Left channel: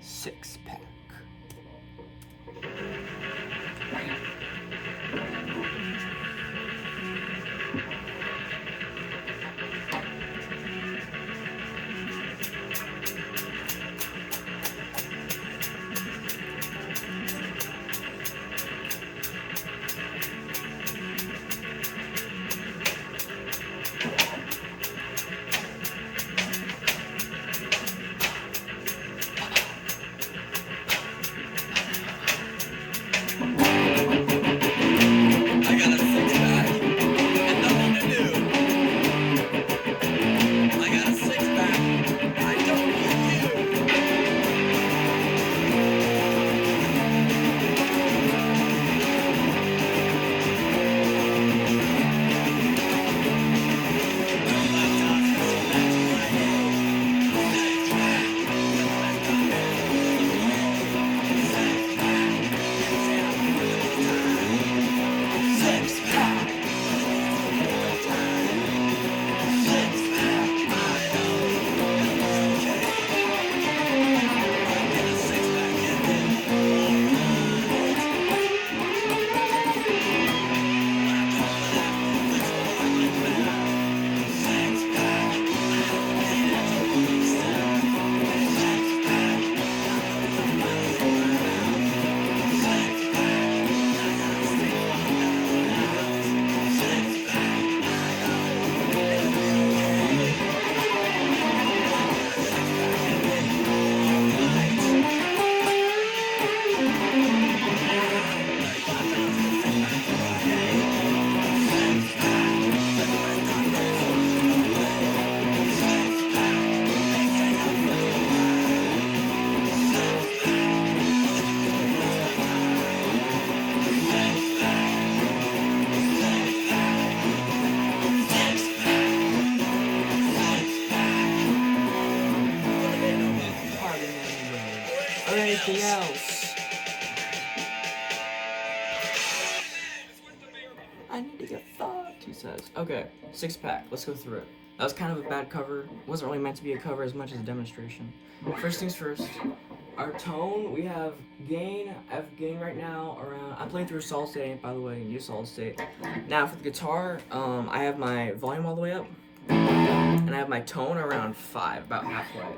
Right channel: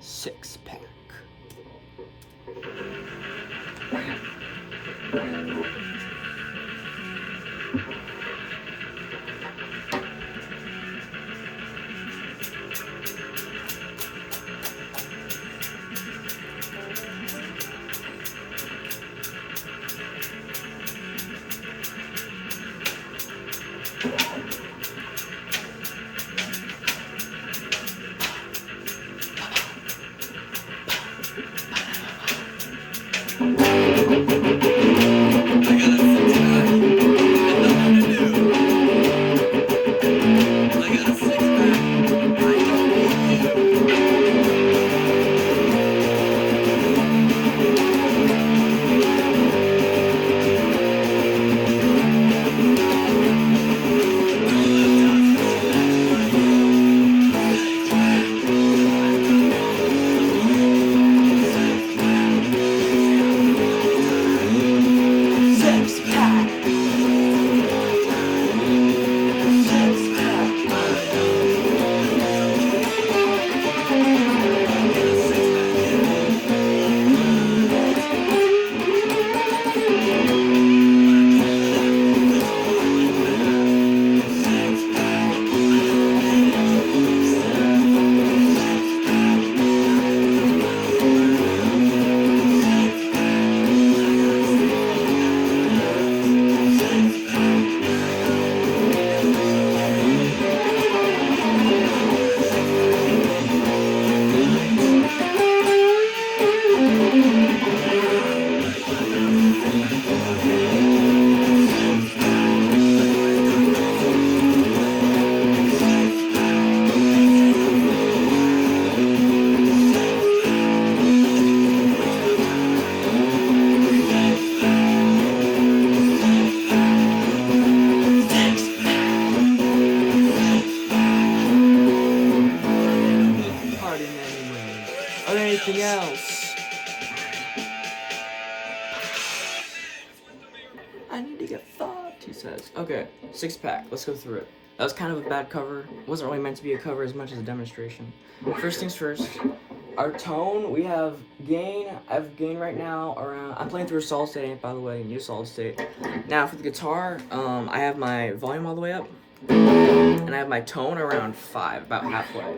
Six pack. Or anything else. I need to get fucked, he says. Okay, six pack. Let's go through it. That was kind of a bad cover. It wasn't really meant to be a cover as much as a demonstration. First things first. Our tone, we have gain. I have gain right now around. I'm playing through a solid state amp, by the way, new solid state. Now for the guitar, I have my volume all the way up. And I have my tone around 5, about halfway.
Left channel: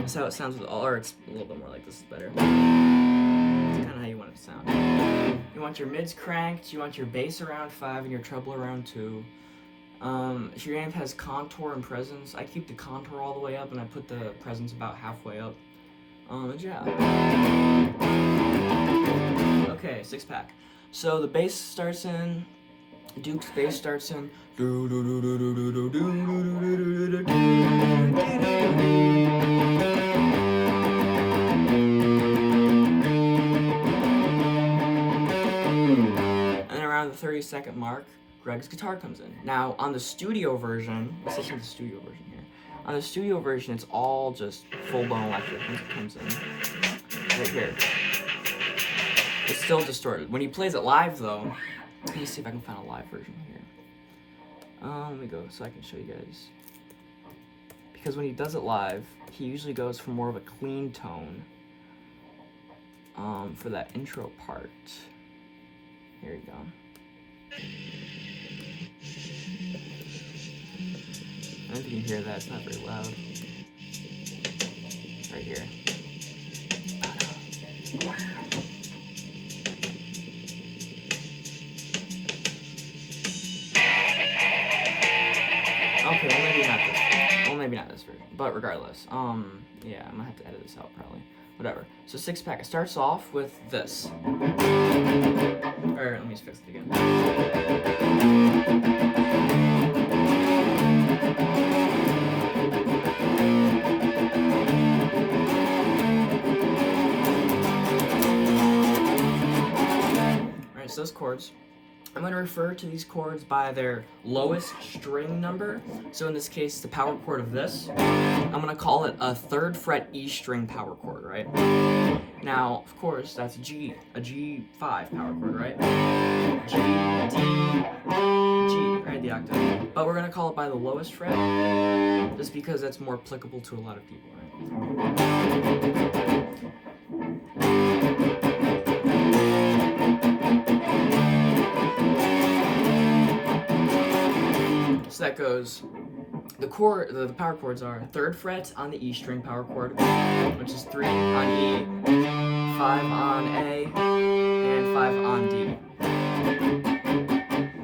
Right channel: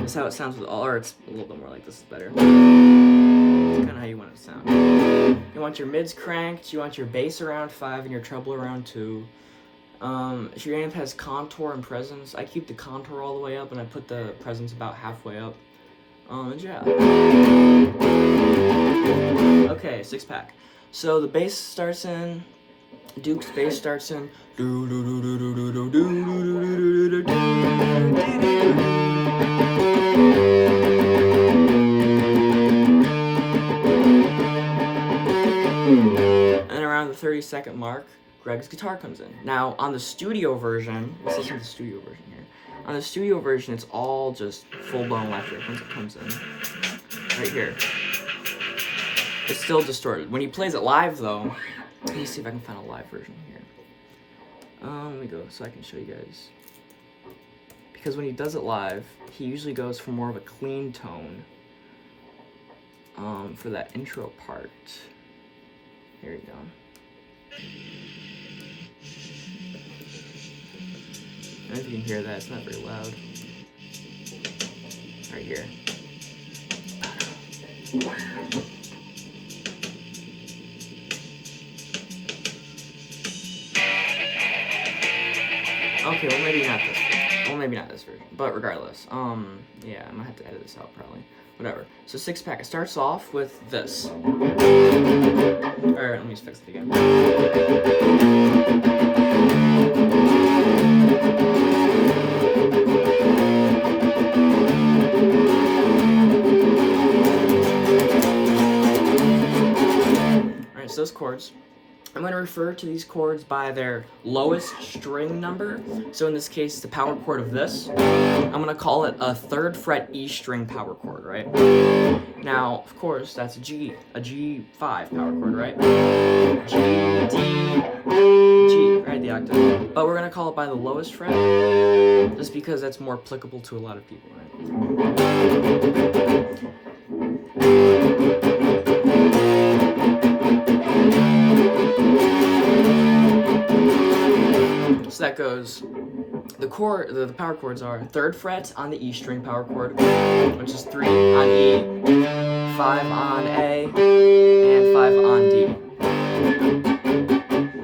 That's how it sounds with all, or it's a little bit more like this is better. It's kind of how you want it to sound. You want your mids cranked, you want your bass around 5 and your treble around 2. If your amp has contour and presence, I keep the contour all the way up and I put the presence about halfway up. And yeah. Okay, six pack. So the bass starts in, Duke's bass starts in. And around the 30-second mark, Greg's guitar comes in. Now, on the studio version, let's listen to the studio version here. On the studio version, it's all just full-blown electric once it comes in. Right here. It's still distorted. When he plays it live, though, let me see if I can find a live version here. Let me go so I can show you guys. Because when he does it live, he usually goes for more of a clean tone for that intro part. Here you go. I don't know if you can hear that, it's not very loud. Right here. Okay, well maybe not this version. Well, maybe not this version, but regardless, yeah, I'm gonna have to edit this out probably. Whatever. So six pack. It starts off with this. Or let me just fix it again. All right, so those chords. I'm going to refer to these chords by their lowest string number. So in this case, the power chord of this, I'm going to call it a 3rd fret E string power chord, right? Now, of course, that's a G5 power chord, right? G, D, G, right, the octave. But we're going to call it by the lowest fret, just because that's more applicable to a lot of people, right? that goes, the power chords are 3rd fret on the E string power chord, which is 3 on E, 5 on A, and 5 on D.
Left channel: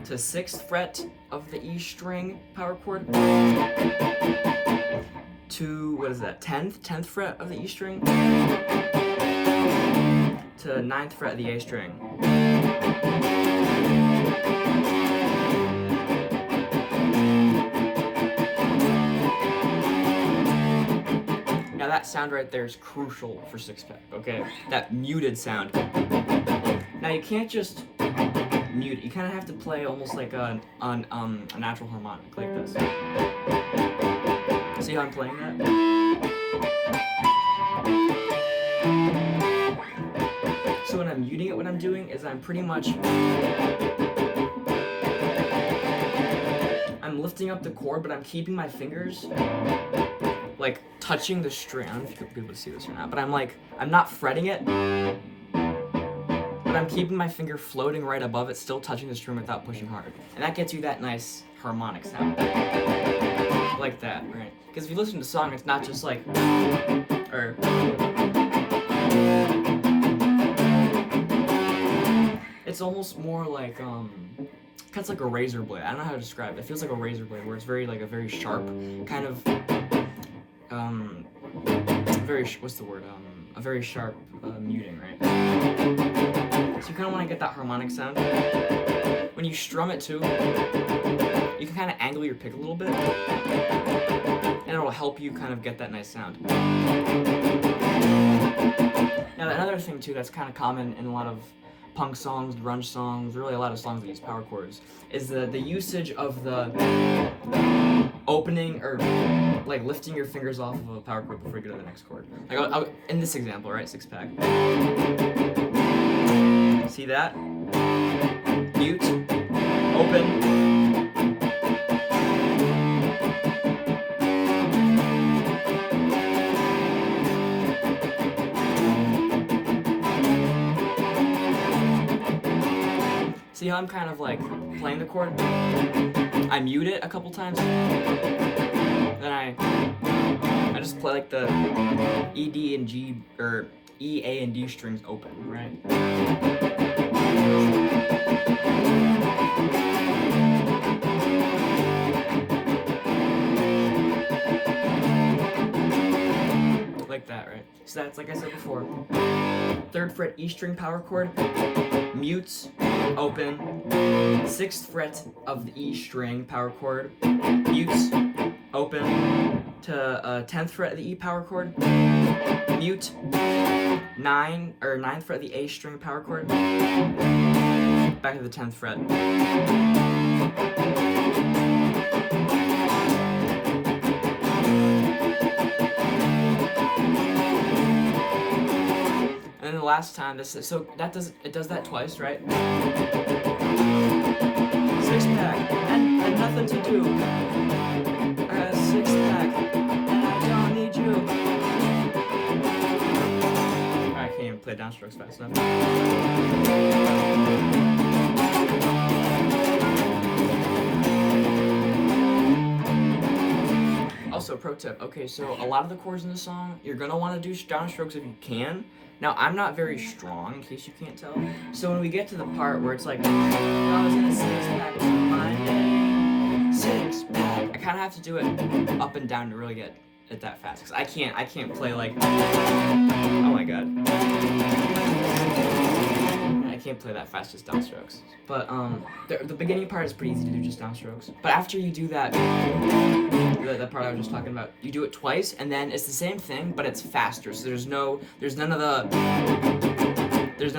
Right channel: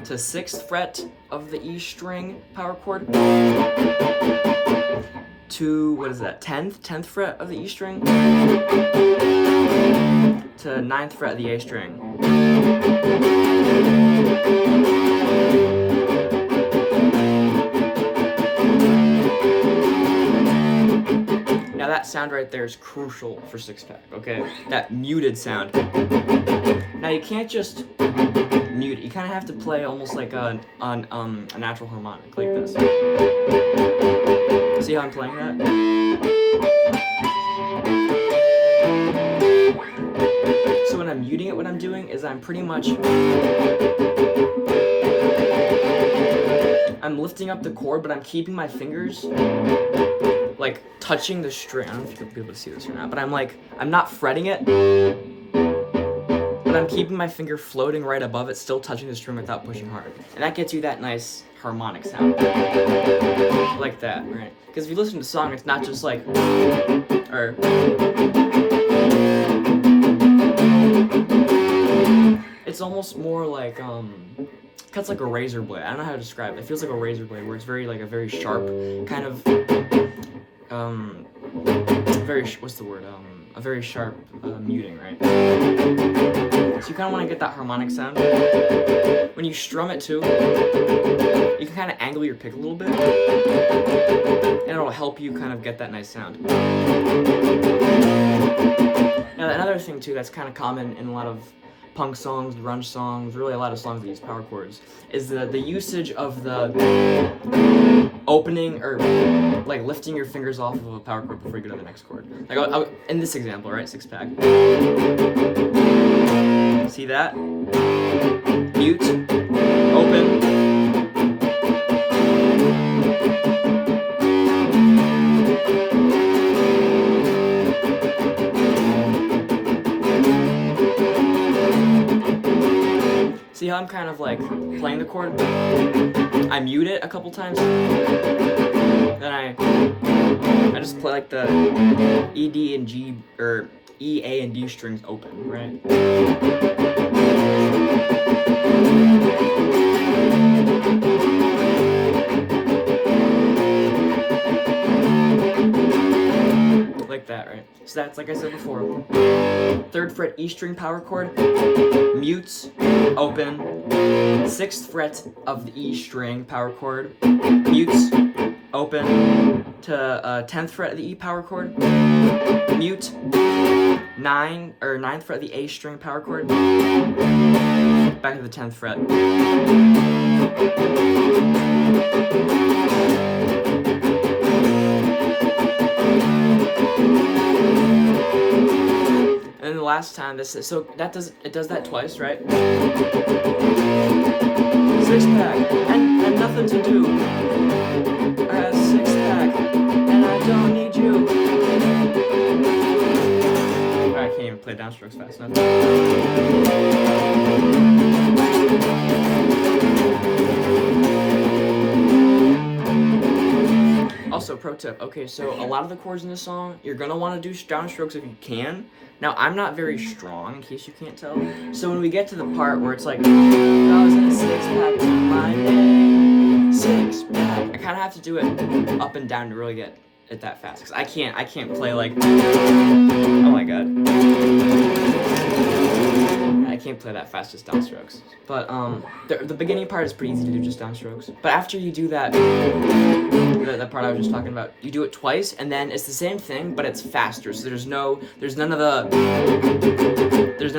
To 6th fret of the E string power chord, to, what is that, 10th fret of the E string, to 9th fret of the A string. Now that sound right there is crucial for 6-pack, okay? That muted sound. Now you can't just mute it. You kind of have to play almost like a natural harmonic, like this. See how I'm playing that? So when I'm muting it, what I'm doing is I'm pretty much, I'm lifting up the chord, but I'm keeping my fingers like touching the string. I don't know if you'll be able to see this or not, but I'm not fretting it, but I'm keeping my finger floating right above it, still touching the string without pushing hard. And that gets you that nice harmonic sound. Like that, right? Because if you listen to the song, it's not just like, or, it's almost more like, cuts like a razor blade. I don't know how to describe it. It feels like a razor blade, where it's very, like a very sharp kind of, a very sharp muting, right? So you kind of want to get that harmonic sound. When you strum it too, you can kind of angle your pick a little bit, and it'll help you kind of get that nice sound. Now another thing too that's kind of common in a lot of punk songs, grunge songs, really a lot of songs that use power chords, is the usage of the opening, or like lifting your fingers off of a power chord before you go to the next chord. Like I'll, in this example, right, 6-pack. See that? Mute, open. See how I'm kind of like playing the chord? I mute it a couple times, then I just play like the E, D, and G, or E, A, and D strings open, right? Like that, right? So that's, like I said before, 3rd fret E string power chord, mutes, open, 6th fret of the E string power chord, mutes, open, to 10th fret of the E power chord, mute, 9th fret of the A string power chord, back to the 10th fret. And then the last time, it does that twice, right? 6-pack, and nothing to do. I got a 6-pack, and I don't need you. I can't even play downstrokes fast enough. Also, pro tip. Okay, so a lot of the chords in the song, you're gonna want to do downstrokes if you can. Now, I'm not very strong, in case you can't tell. So when we get to the part where it's like, I was in a 6-pack to my name, 6-pack, I kind of have to do it up and down to really get it that fast. Because I can't play like, oh my god. I can't play that fast just downstrokes. But the beginning part is pretty easy to do just downstrokes. But after you do that, that part I was just talking about, you do it twice, and then it's the same thing, but it's faster. So there's none of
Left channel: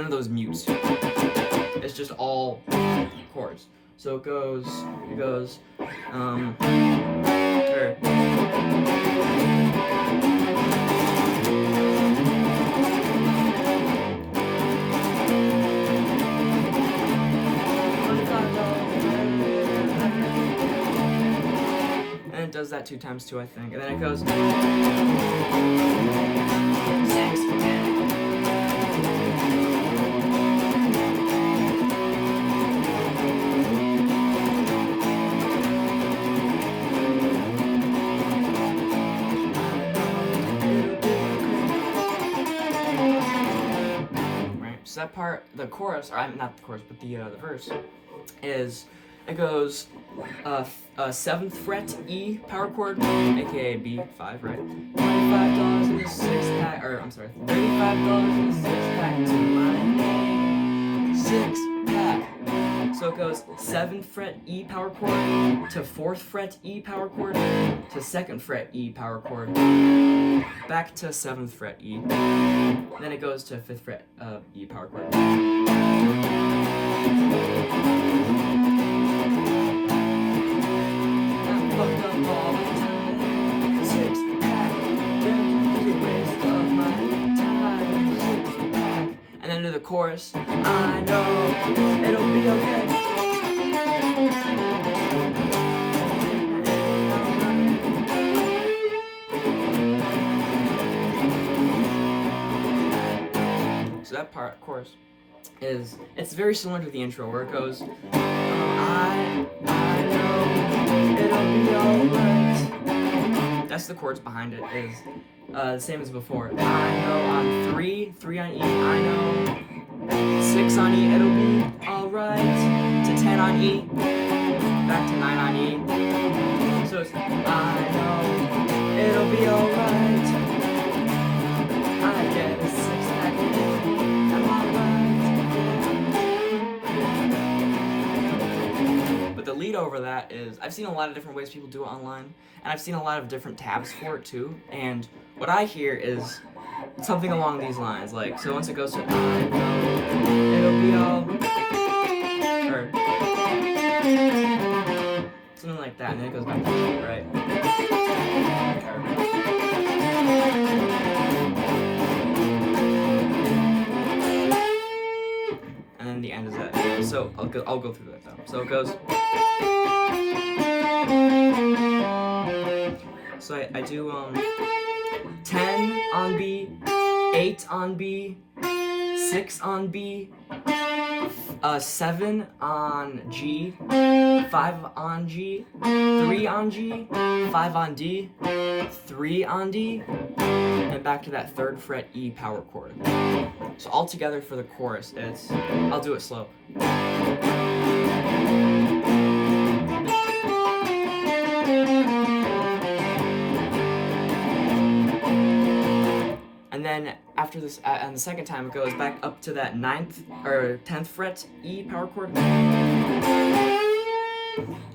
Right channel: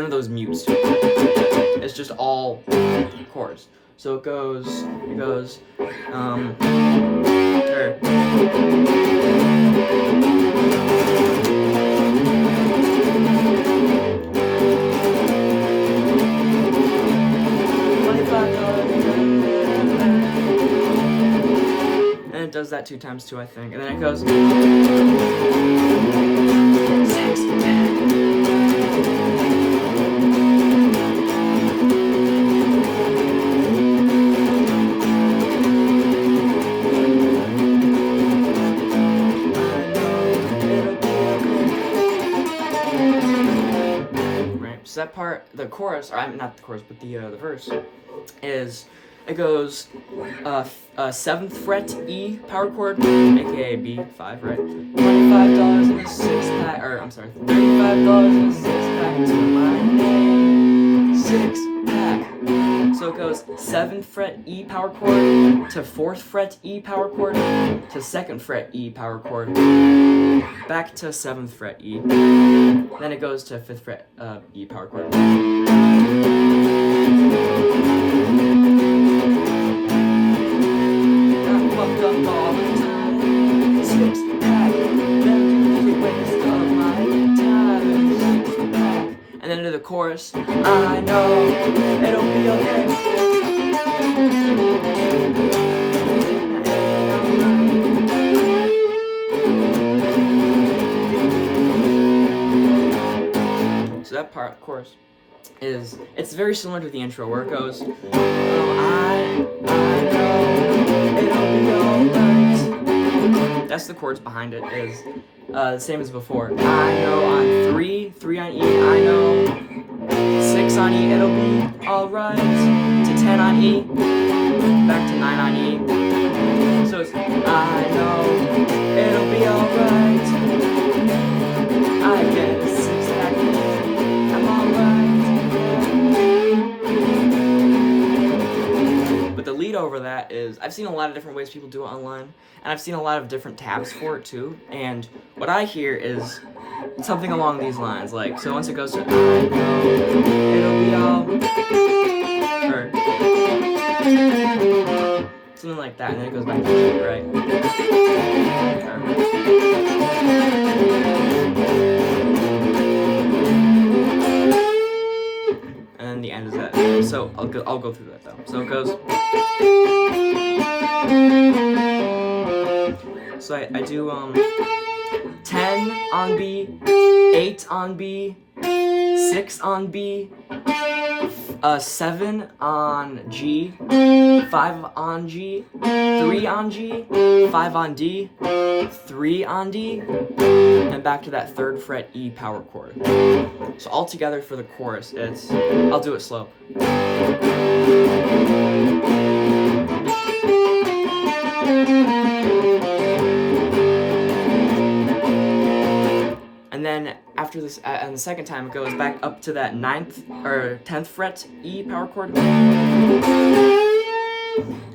those mutes. It's just all chords. So it goes, and it does that 2 times too, I think. And then it goes, So that part, the chorus, or I mean, not the chorus, but the verse, is it goes 7th fret E power chord, aka B5, right? $25 in a 6-pack, or I'm sorry, $35 in a 6-pack to my name. 6-pack. So it goes 7th fret E power chord to 4th fret E power chord to 2nd fret E power chord, back to 7th fret E. Then it goes to 5th fret E power chord. Fucked up all the time. 6-pack, them the waste of my time. 6-pack, and then to the chorus. I know it'll be okay. So that part, chorus, it's very similar to the intro where it goes, I know it'll be alright. That's the chords behind it, is the same as before. I know on 3 on E, I know 6 on E, it'll be alright, to 10 on E, back to 9 on E. So it's, I know it'll be alright, I get a 6-pack, I'm alright. But the lead over that is, I've seen a lot of different ways people do it online, and I've seen a lot of different tabs for it too, and what I hear is something along these lines, like, so once it goes to, I know it'll be all, or something like that, and then it goes back to it, right? And then the end is that. So I'll go through that though. So it goes. So I do 10 on B, 8 on B, 6 on B, 7 on G, 5 on G, 3 on G, 5 on D, 3 on D, and back to that 3rd fret E power chord. So all together for the chorus, it's, I'll do it slow. And then after this, on the second time, it goes back up to that 9th or 10th fret E power chord. And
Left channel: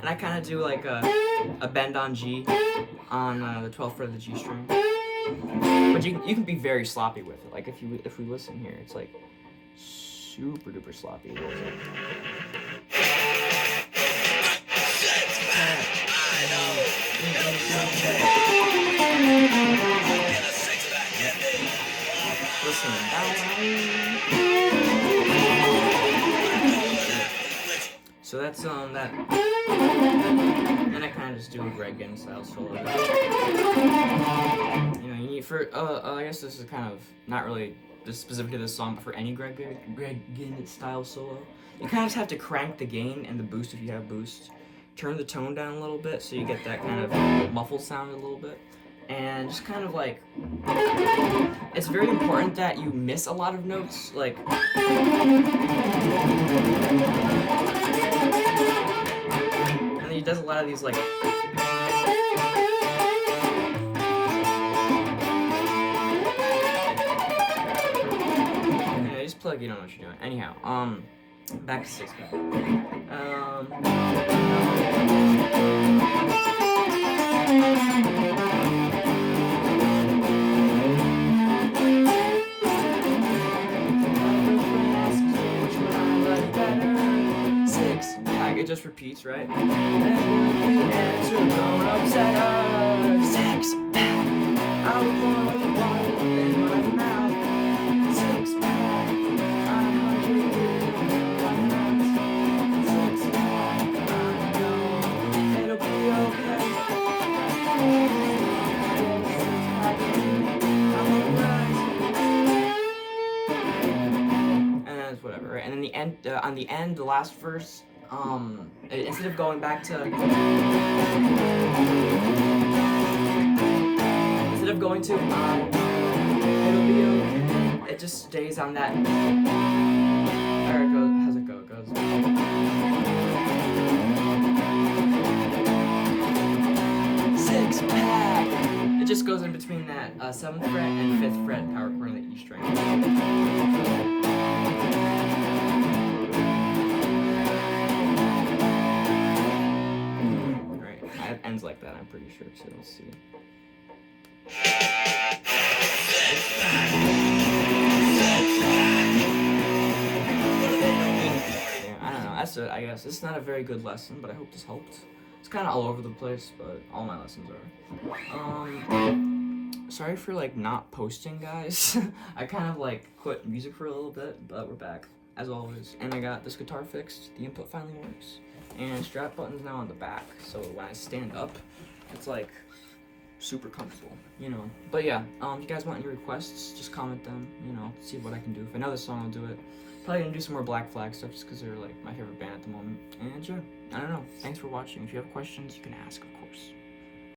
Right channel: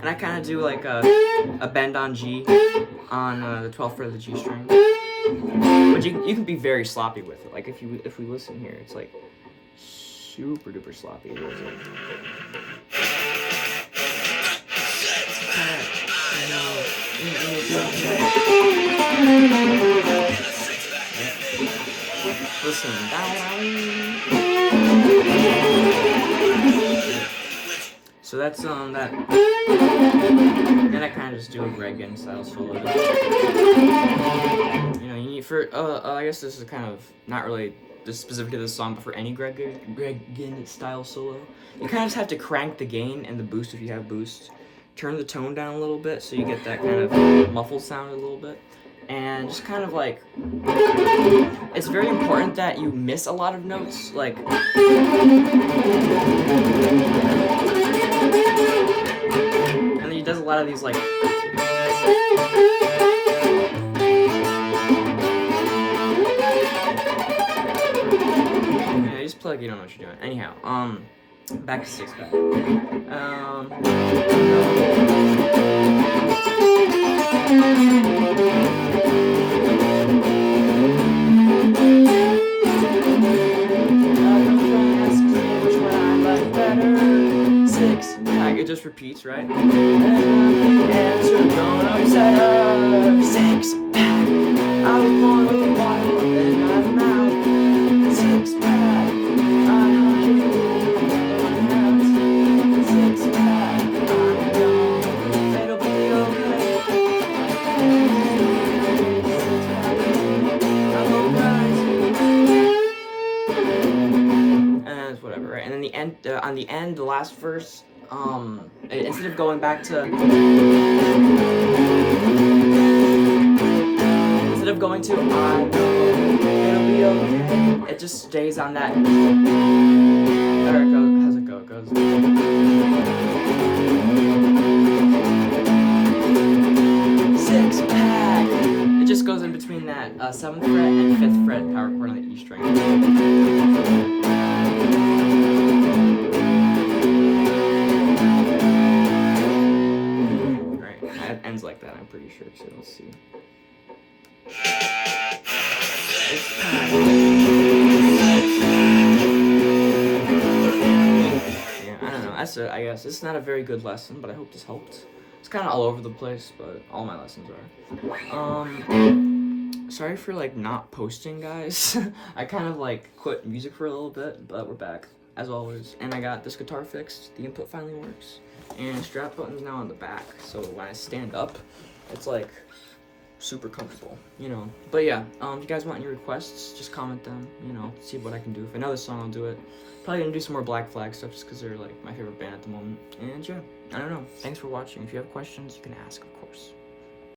I kind of do like a bend on G on the 12th fret of the G string. But you can be very sloppy with it. Like if we listen here, it's like super duper sloppy. Listen, so that's that. Then I kind of just do a Greg Ginn style solo. You know, you need for I guess this is kind of not really just specific to this song, but for any Greg Ginn style solo, you kind of just have to crank the gain and the boost if you have boost. Turn the tone down a little bit so you get that kind of muffled sound a little bit. And just kind of like, it's very important that you miss a lot of notes, like, and then he does a lot of these like, you know, just play like you don't know what you're doing. Anyhow, back to 6-pack. It just repeats, right? Answer, don't upset her. 6-pack. I was born with a bottle in my mouth. 6-pack. I hunt you in my mouth. 6-pack. I know it'll be okay. 6-pack. I'm alright. And it's whatever, right? And then the end, on the end, the last verse. Instead of going back to, instead of going to, I know Leo, it just stays on that. There it goes. How's it go? It goes. Six pack. It just goes in between that 7th fret and 5th fret power chord on the E string. Right, it ends like that. I'm pretty sure. So let's see. It's pack. Yeah, I don't know. That's it. I guess it's not a very good lesson, but I hope this helped. It's kind of all over the place, but all my lessons are. Sorry for like not posting, guys. I kind of like quit music for a little bit, but we're back as always. And I got this guitar fixed. The input finally works, and strap button's now on the back, so when I stand up, it's like super comfortable, you know. But yeah, if you guys want any requests, just comment them. You know, see what I can do. If I know this song, I'll do it. Probably gonna do some more Black Flag stuff just because they're like my favorite band at the moment. And yeah, I don't know. Thanks for watching. If you have questions, you can ask, of course.